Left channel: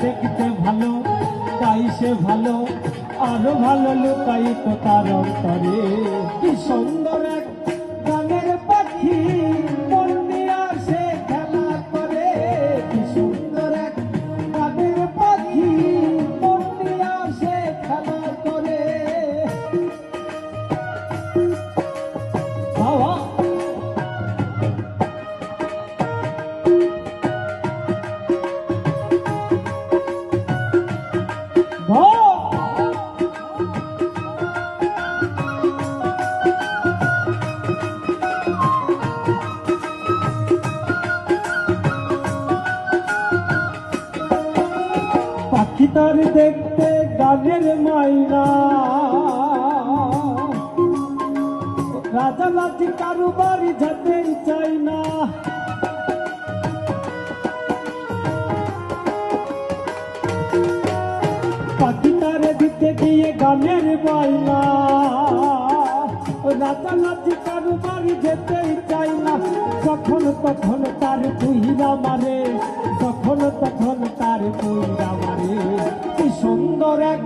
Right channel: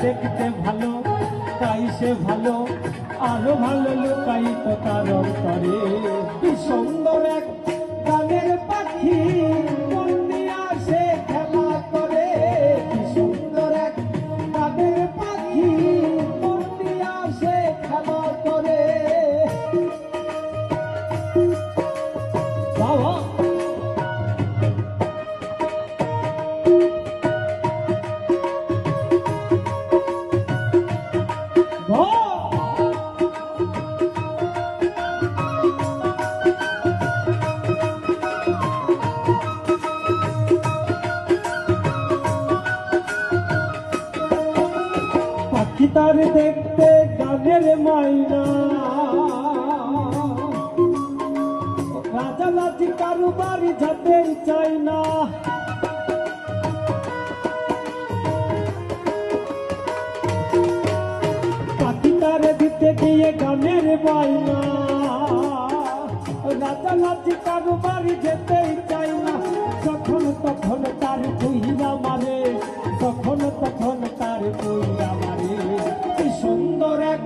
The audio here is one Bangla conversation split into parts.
দেখতে ভালো তাই সে ভালো। আরও ভালো লোকাই তো কারণ অন্তরে পাখি তার দেখতে গানের মাইনা। রাজা নাচি কারু যেতে চাই না পাখি তার দিতে গিয়ে গানের মাইনা। রাজা নাচি কারু যেতেই তার কি সুন্দর এক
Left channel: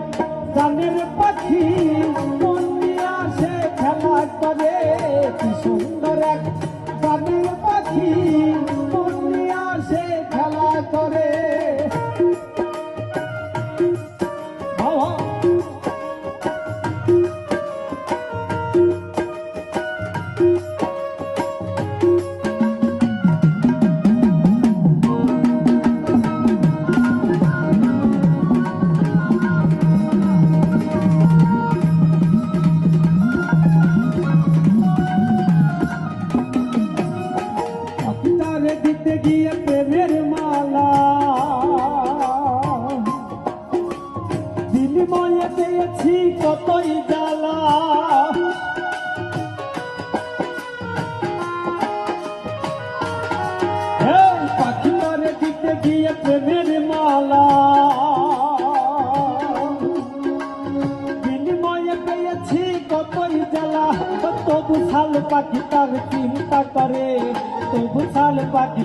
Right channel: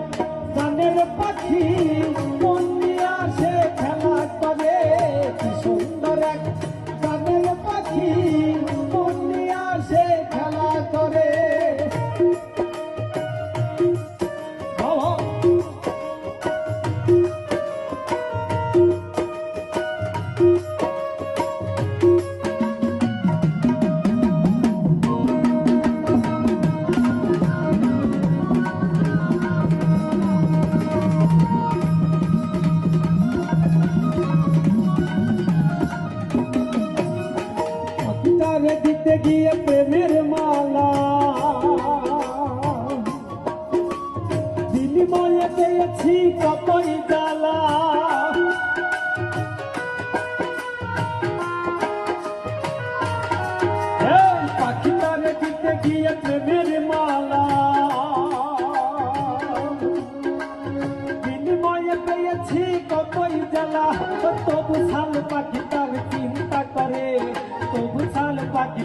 গানের পাখি আসে খেলা করে। কি সুন্দর এক গানের পাখি আসে খেলা করে। গিয়ে প্রেমের মালা। বিনিময়ে পেয়েছি কতই জ্বালা। এই পাখি তারে দিতে গিয়ে প্রেমের মালা। বিনিময়ে পেয়েছি কতই জ্বালা। তবু শাল পাখি তার চিন্তা করে তবু শাল পাখি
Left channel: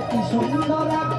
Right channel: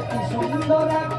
কি সুন্দর এক গানের